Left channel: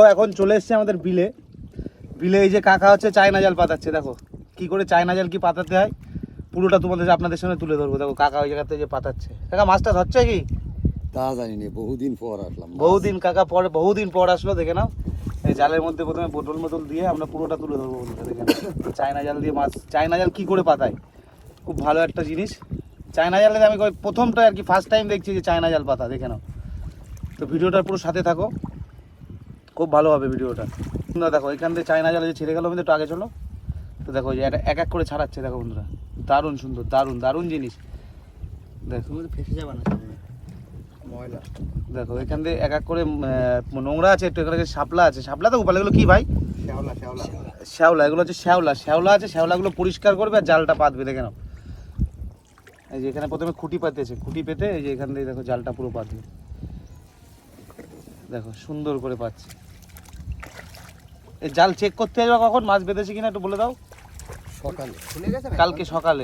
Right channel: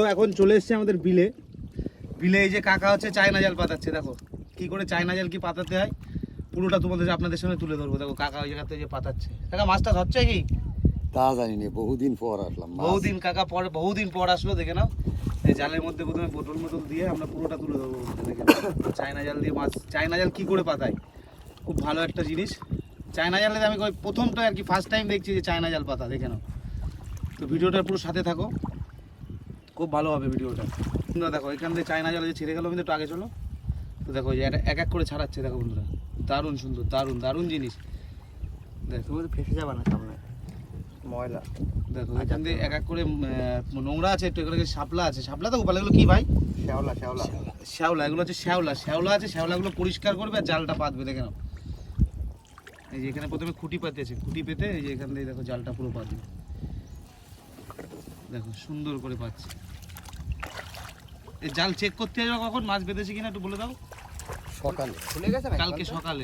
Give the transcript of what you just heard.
তো এখন চলে এসছে আমাদের বিলে। বিলে এই যে কাকা হচ্ছে চায়না জাল পাতাচ্ছে। দেখো কি করে চায়না জাল কি পাতাতে হয় পুরোটা তোমাদের আপনাদের সঙ্গে তুলে ধরবো। দেখো কাকা ওই জায়গাতে যে পাতাচ্ছে। কাকা মাছটা ধরছে কি তা জানি না, বহুদিন পর আসলাম। বহুদিন কাকা পরে বহুদিন পর আসলো। দেখে নাও এই জালের মধ্যে প্রথমে বোতল মোটল দিয়ে আমরা পুরোটা তুলে ধরবো। দেখে নাও চায়না জাল দিয়ে মাছ, চায়না জাল কি করে পাতায়, খুব ভালো একটা জিনিস। চায়না জালে আমি প্রথমটা আর কি ফার্স্ট টাইম দেখছি যে চায়না জাল পাতা। দেখে নাও, তো ভিডিওটার পুরো সাথে থাকো, খুব ভালো হবে ভিডিওটা। দেখো এখান থেকে চায়না জালে যে ছেড়ে গেল, কিন্তু একটু আগে চলো। তো দেখো যে এটা এক এক করে ছাড়াচ্ছে। দেখো বন্ধুরা, দারুণ সুন্দর, দারুণ দারুণ জিনিস। দেখো ফেসে যাবে না সামনে ময়লা। দেখো এখান থেকে এক এক করে নোংরা আছে, একটু এখানে শাপলা আছে। শাপলা তো উপাল, এগুলো কি ভাই? শ্যাওলা শ্যাওলা শ্যাওলা, এগুলো হচ্ছে শ্যাওলা। শ্যাওলা আছে, শ্যাওলাগুলো পরিষ্কার করবে আর জালটা পাতবে। দেখে নাও এই যে এখানে প্রথমে খুঁটি পাতেছে, খুঁটি পেতে এই যে এখান থেকে দেখো জালটা পুরো পাতবে। দেখো সুন্দর করে পাচ্ছে। এই জাল চেক করতে যাবে কখন মাছ বেঁধেছে কিনা একটু বলে দাও। সকালে খুলে গেছে কালকে সকালে।